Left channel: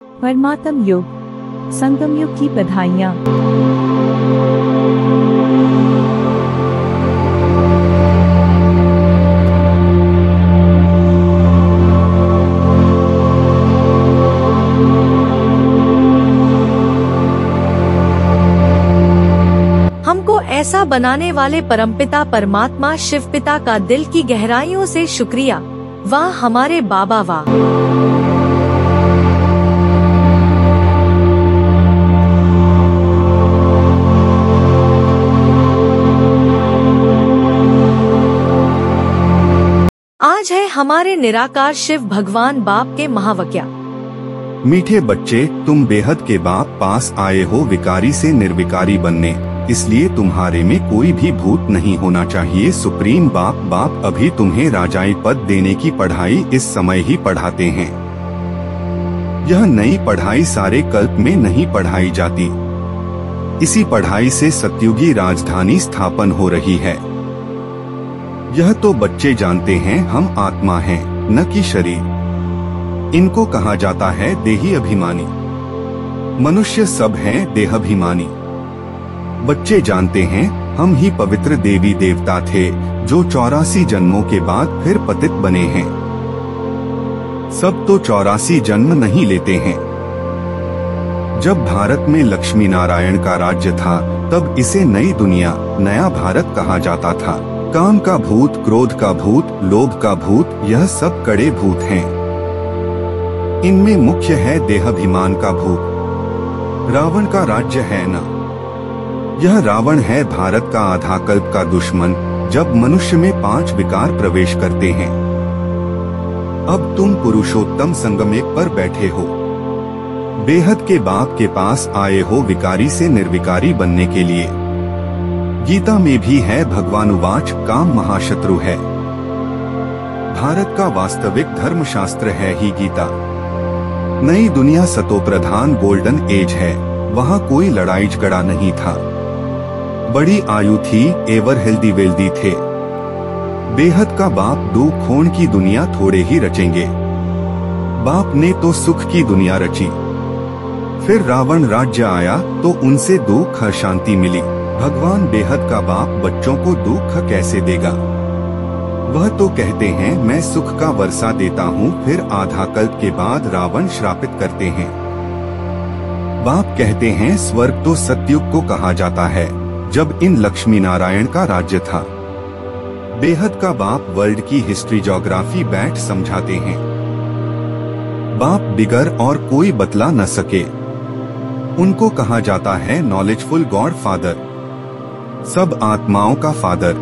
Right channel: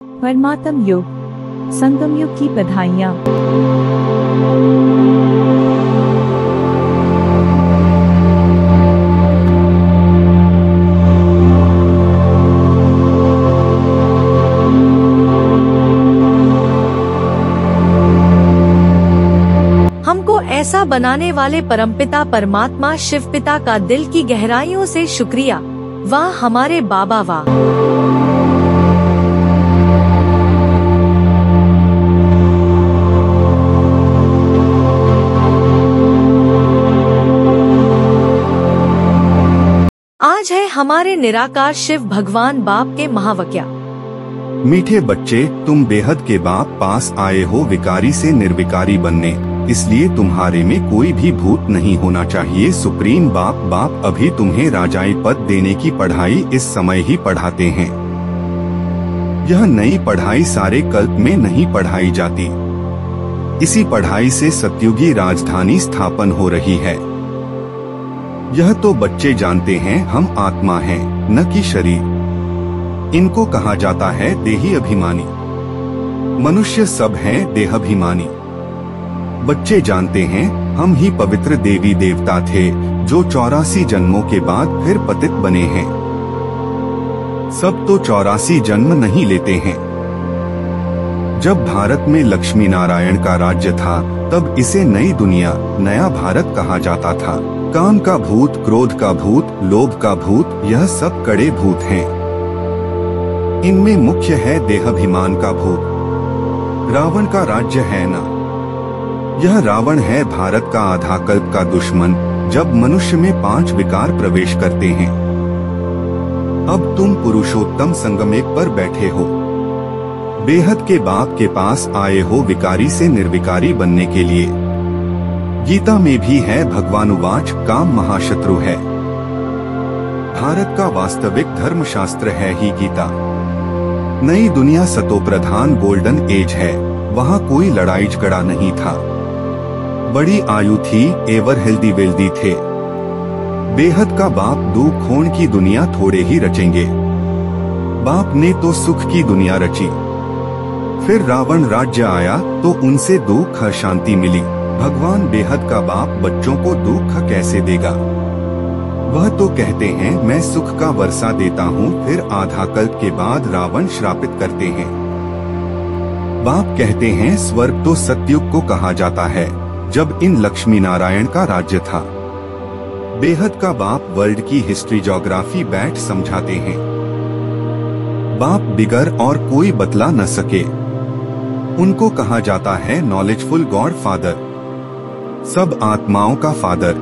परमात्म युग, संगम युग की बधाइयाँ। हमको ऐसा बनाने वाले परमपिता परमात्मा शिव पिता का दिल की गहराइयों से शुक्रिया। वाह हमारे बाबा वाह। आज है हमारे निराकार शिव भगवान बाप के महावाक्य। मीठे बच्चे, तुम बेहद के बाप पास आए हो विकारी से निर्विकारी बनने, इसलिए तुम्हारे में कोई भी भूत नहीं होना चाहिए। सुप्रीम बाप अभी तुम्हें राजाई पद देने की पढ़ाई इस समय ही पढ़ाते हैं। यह नई पढ़ाई सारे कल्प में नहीं पढ़ाई जाती। इसी पढ़ाई से सतयुगी राजधानी स्थापन हो रही है। यह तो बच्चे जानते हैं हम आत्मा हैं, न कि शरीर। इनको कहा जाता है देही अभिमानी। मनुष्य सब हैं देहाभिमानी। बच्चे जानते हैं हम ही पवित्र देवी देवता थे जो 84 जन्मों के बाद फिर पतित बने हैं। सब तो 84 जन्म नहीं लेते हैं। जब भारत में लक्ष्मी नारायण का राज्य था तब इसे नई दुनिया, नया भारत कहा जाता था। काम का भूत, क्रोध का भूत, लोभ का भूत, यह सब कड़े भूत हैं। इनमें मुख्य है देहाभिमान का भूत। रावण का राज्य है ना। यह रावण है भारत का आधा कल्प का दुश्मन। जब मनुष्य में 5 विकार प्रवेश करते हैं। अब तुम पुरुषोत्तम संगमेक पर बैठे हो। बेहद के बाप के पास आए हो विकारी से निर्विकारी बनने के लिए। गीता में भी है भगवानुवाच, काम महाशत्रु है। भारत का वास्तविक धर्मशास्त्र है ही गीता। नई दुनिया सतो प्रधान गोल्डन एज है। वहाँ कोई लड़ाई झगड़ा नहीं था। बड़ी आयु थी, एवर हेल्दी वेल्दी थे। बेहद का बाप दुख खोण की दुनिया थोड़े ही रचेंगे। बाप ने तो सुख की दुनिया रची। फिर रावण राज्य आया तो उनसे दुख शांति मिली। भगवान बेहद का बाप बच्चों को दुख कैसे देगा। वह तो कहते हैं मैं सुख का वर्षा देता हूँ। फिर आधा कल्प के बाद रावण श्रापित करते हैं। बाप कहते हैं स्वर्ग तो सतयुग को कहा जाता है जब इन लक्ष्मी नारायण का राज्य था। बेहद का बाप वर्ल्ड की हिस्ट्री ज्योग्राफी बैठ समझाते हैं। बाप बिगर और कोई बतला न सके। उनको कहा जाता है नॉलेजफुल गॉड फादर, सब आत्माओं का फादर।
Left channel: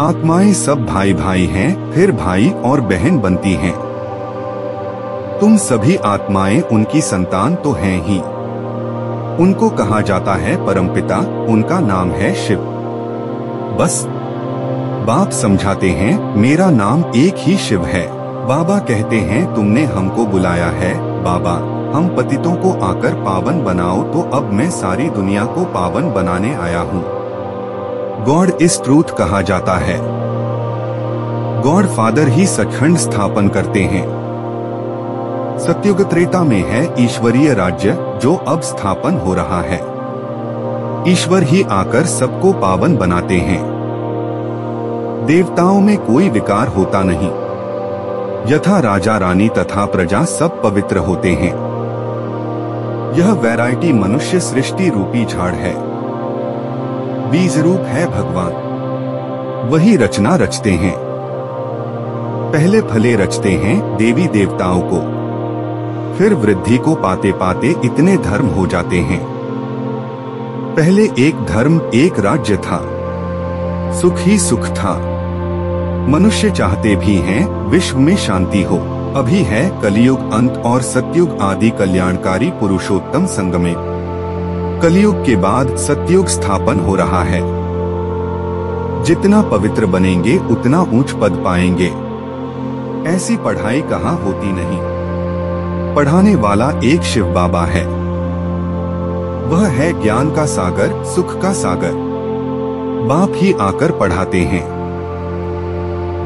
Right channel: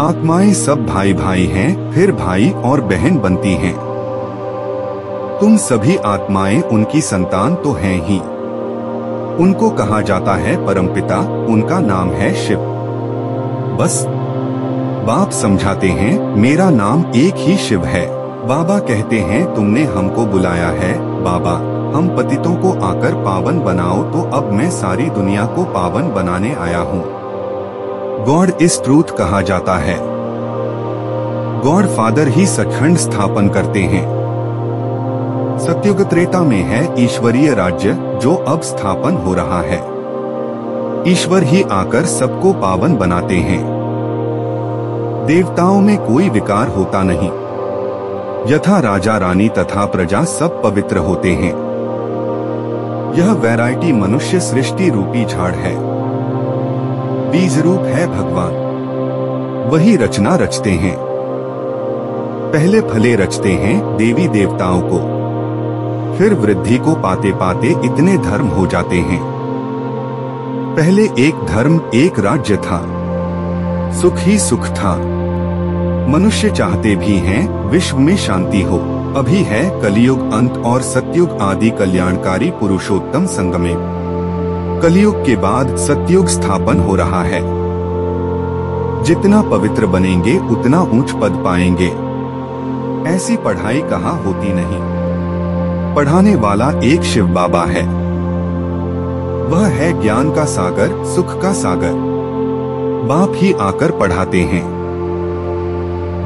आत्माएं सब भाई भाई हैं, फिर भाई और बहन बनती हैं। तुम सभी आत्माएं उनकी संतान तो हैं ही। उनको कहा जाता है परमपिता, उनका नाम है शिव। बस बाप समझाते हैं मेरा नाम एक ही शिव है। बाबा कहते हैं तुमने हमको बुलाया है बाबा, हम पतितों को आकर पावन बनाओ। तो अब मैं सारी दुनिया को पावन बनाने आया हूँ। गॉड इज ट्रूथ कहा जाता है। गॉड फादर ही सचखंड स्थापन करते हैं। सतयुग त्रेता में है ईश्वरीय राज्य जो अब स्थापन हो रहा है। ईश्वर ही आकर सबको पावन बनाते हैं। देवताओं में कोई विकार होता नहीं। यथा राजा रानी तथा प्रजा सब पवित्र होते हैं। यह वैरायटी मनुष्य सृष्टि रूपी झाड़ है। बीज रूप है भगवान। वही रचना रचते हैं। पहले फले रचते हैं देवी देवताओं को। फिर वृद्धि को पाते पाते इतने धर्म हो जाते हैं। पहले एक धर्म एक राज्य था। सुख ही सुख था। मनुष्य चाहते भी हैं विश्व में शांति हो। अभी है कलियुग अंत और सतयुग आदि कल्याणकारी पुरुषोत्तम संगमे। कलियुग के बाद सतयुग स्थापन हो रहा है। जितना पवित्र बनेंगे उतना ऊंच पद पाएंगे। ऐसी पढ़ाई कहाँ होती नहीं। पढ़ाने वाला एक शिव बाबा है। वह है ज्ञान का सागर, सुख का सागर। बाप ही आकर पढ़ाते हैं।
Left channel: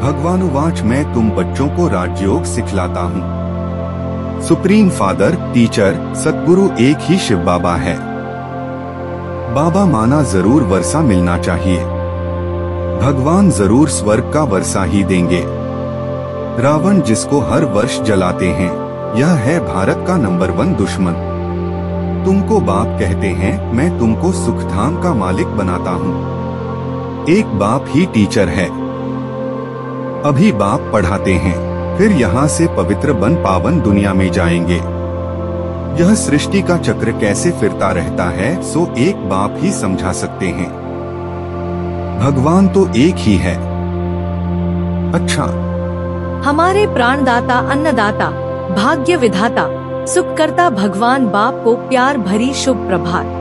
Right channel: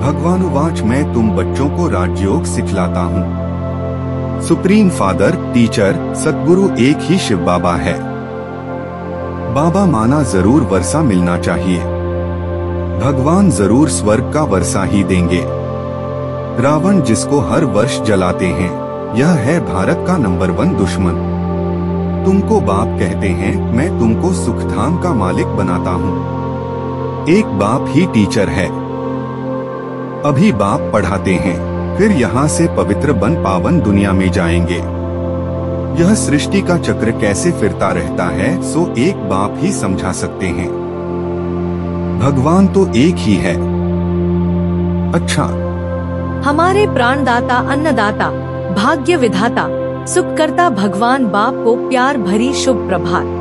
भगवानुवाच मैं तुम बच्चों को राजयोग सिखलाता हूँ। सुप्रीम फादर, टीचर, सतगुरु एक ही शिव बाबा है। बाबा माना जरूर वर्षा मिलना चाहिए। भगवान जरूर स्वर्ग का वर्षा ही देंगे। रावण जिसको हर वर्ष जलाते हैं, यह है भारत का नंबर 1 दुश्मन। तुमको बाप कहते हैं, मैं तुमको सुखधाम का मालिक बनाता हूँ। एक बाप ही टीचर है। अभी बाप पढ़ाते हैं, फिर यहाँ से पवित्र बन पावन दुनिया में जाएंगे। यह सृष्टि का चक्र कैसे फिरता रहता है, सो एक बाप ही समझा सकते हैं। भगवान तो एक ही है। अच्छा, हमारे प्राणदाता, अन्नदाता, भाग्य विधाता, सुखकर्ता भगवान बाप को प्यार भरी शुभ प्रभात।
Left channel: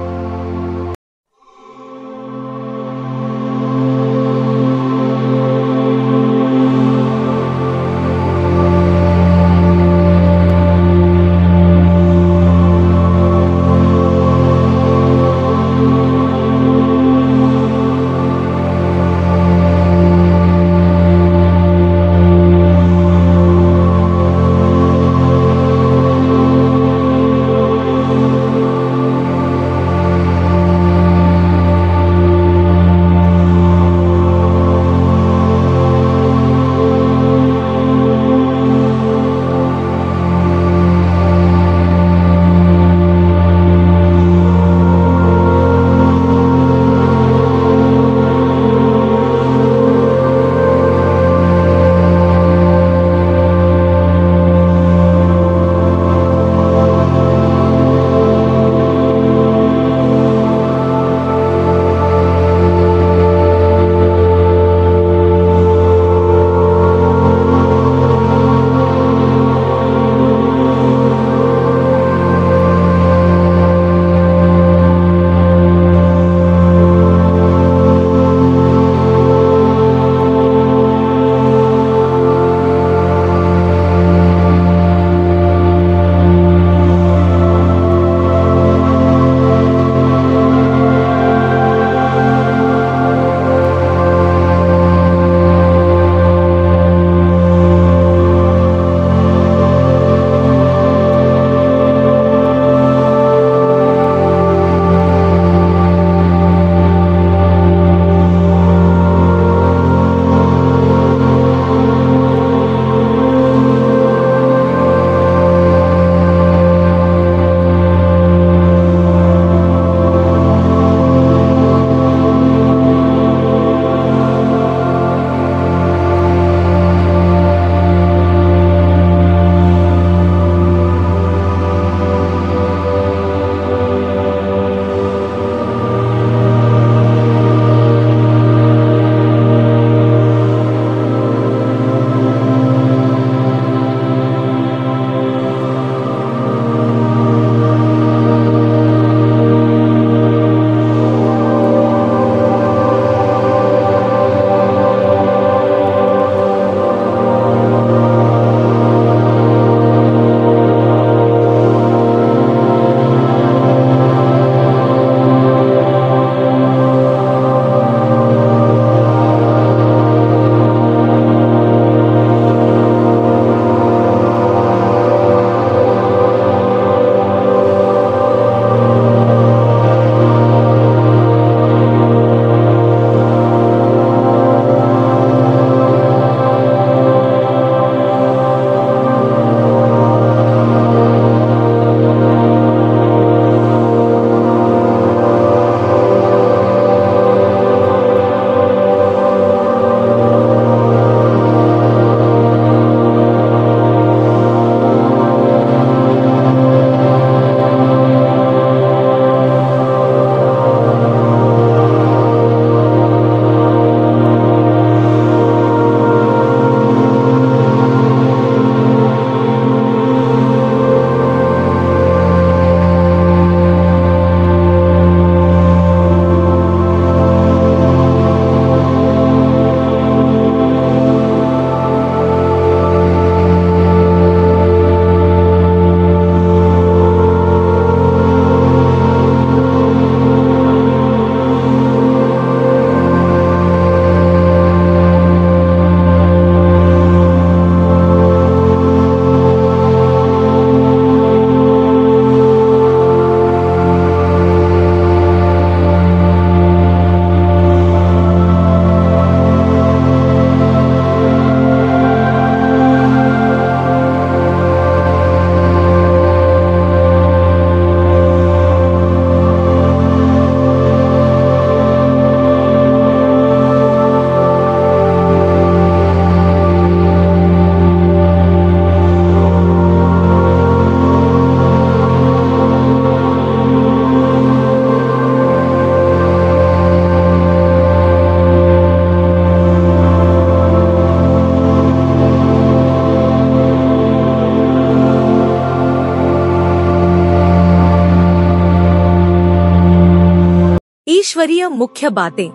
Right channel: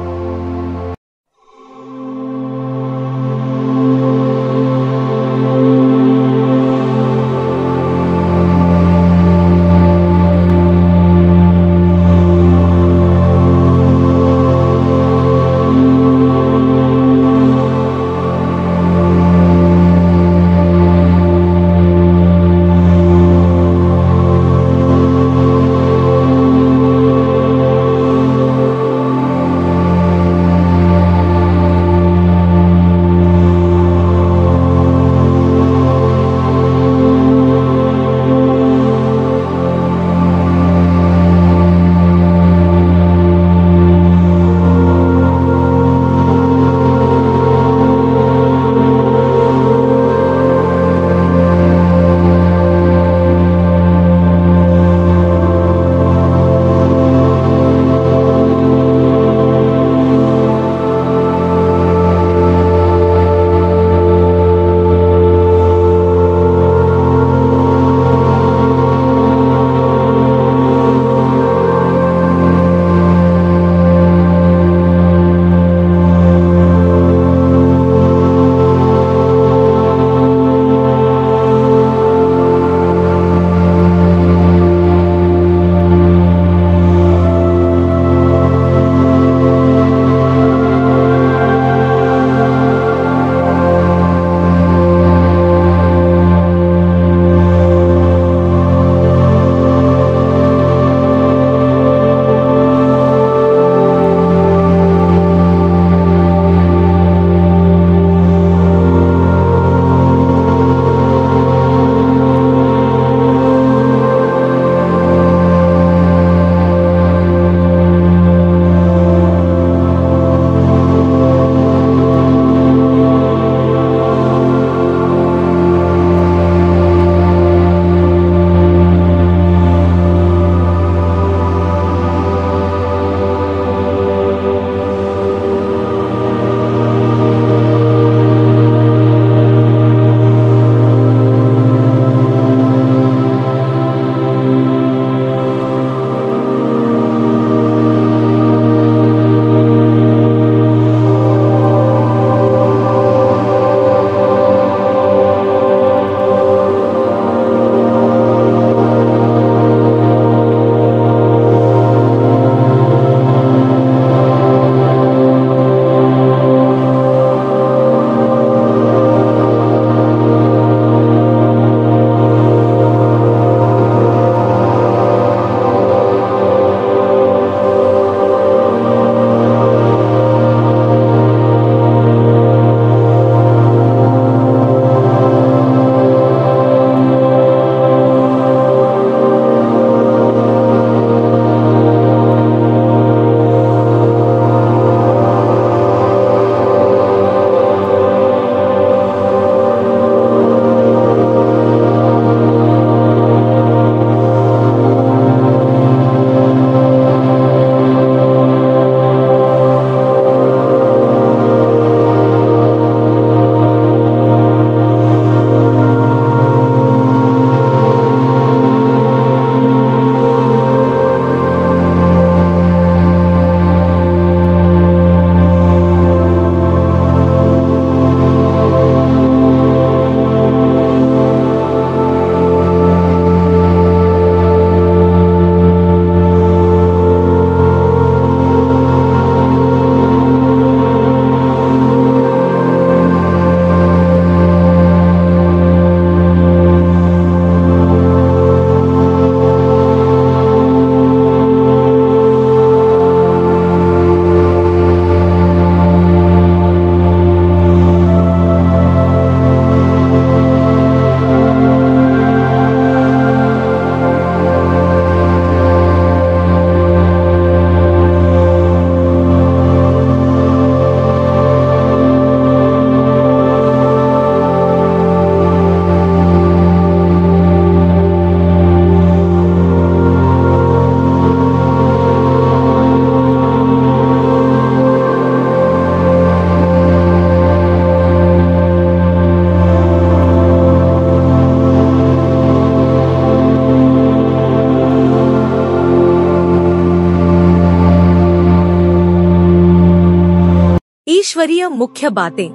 ईश्वरीय मुख्य बातें।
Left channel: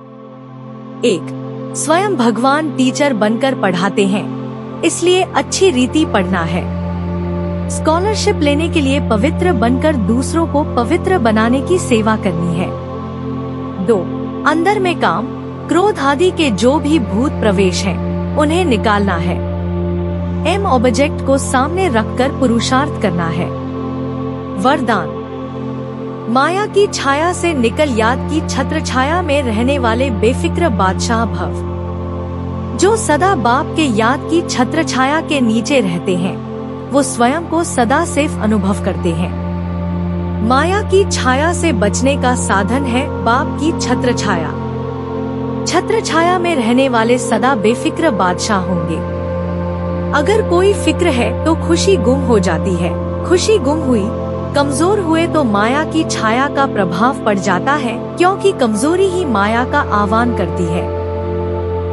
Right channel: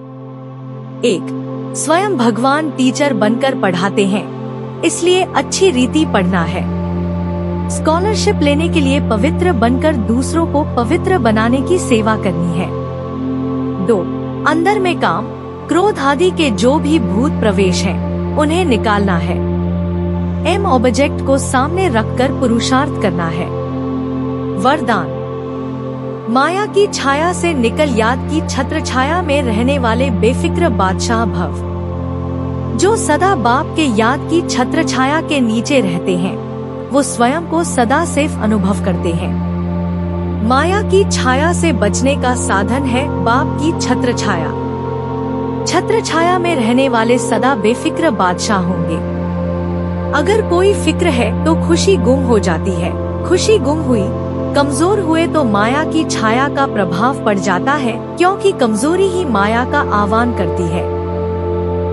1. स्वयं भगवान टीचर बनकर पढ़ाते हैं, इसलिए अच्छी रीति पढ़ना है। स्कॉलरशिप लेने के लिए पवित्र बनकर दूसरों को पवित्र बनाने की सेवा करनी है। 2. अंदर में काम, क्रोध आदि के जो भी भूत प्रवेश हैं, उन्हें निकालना है। एम ऑब्जेक्ट को सामने रखकर पुरुषार्थ करना है। वरदान। माया की छाया से निकल याद की छत्र छाया में रहने वाले बेफिक्र बादशाह भव। जो सदा बाप के याद की छत्र छाया के नीचे रहते हैं, वो स्वयं को सदा सेफ अनुभव करते हैं। माया की छाया से बचने का साधन है बाप की छत्र छाया। छत्र छाया में रहने वाले सदा बेफिक्र बादशाह होंगे। अगर कोई फिक्र है तो खुशी गुम हो जाती है। खुशी गुम हुई, कमजोर हुए तो माया की छाया का प्रभाव पड़ जाता है, क्योंकि कमजोरी ही माया का आह्वान करती है।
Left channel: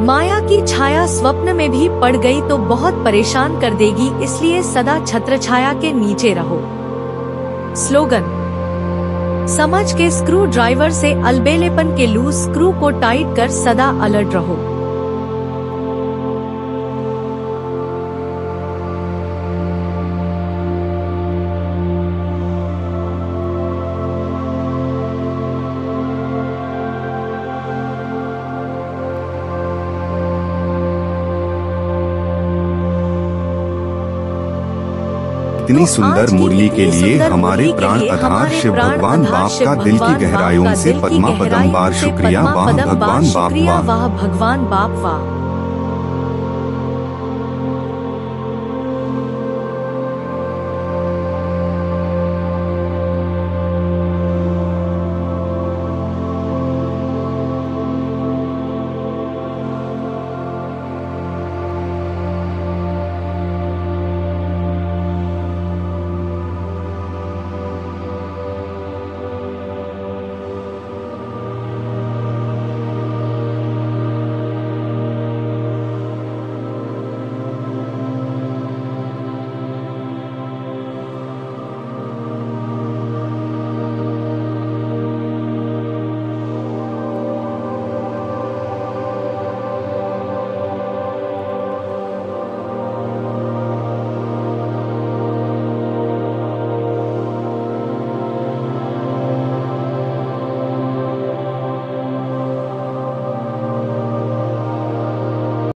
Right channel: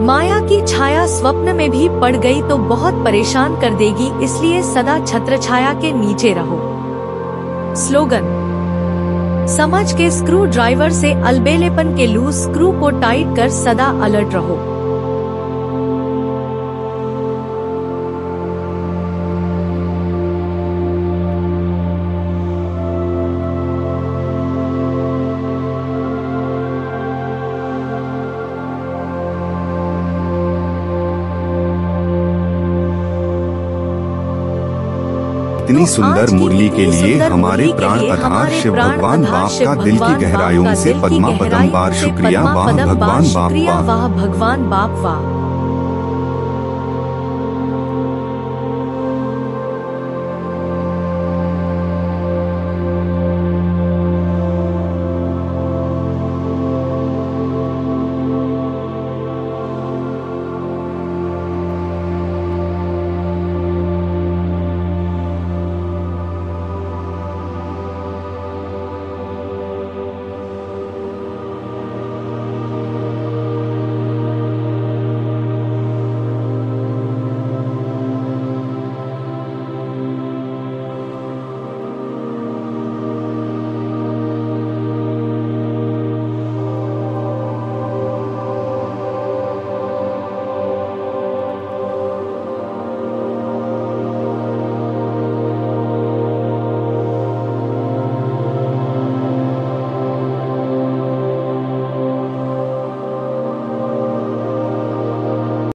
माया की छाया स्वप्न में भी पड़ गई तो बहुत परेशान कर देगी, इसलिए सदा छत्र छाया के नीचे रहो। स्लोगन। समझ के स्क्रू ड्राइवर से अलबेलेपन के लूज स्क्रू को टाइट कर सदा अलर्ट रहो। इतनी सुंदर मुरली के लिए हमारे प्राण आधार शिव भगवान बाप का दिल की गहराइयों से पद्मा पदम बार शुक्रिया। वाह भगवान बाप वाह। भगवान बाप वाह।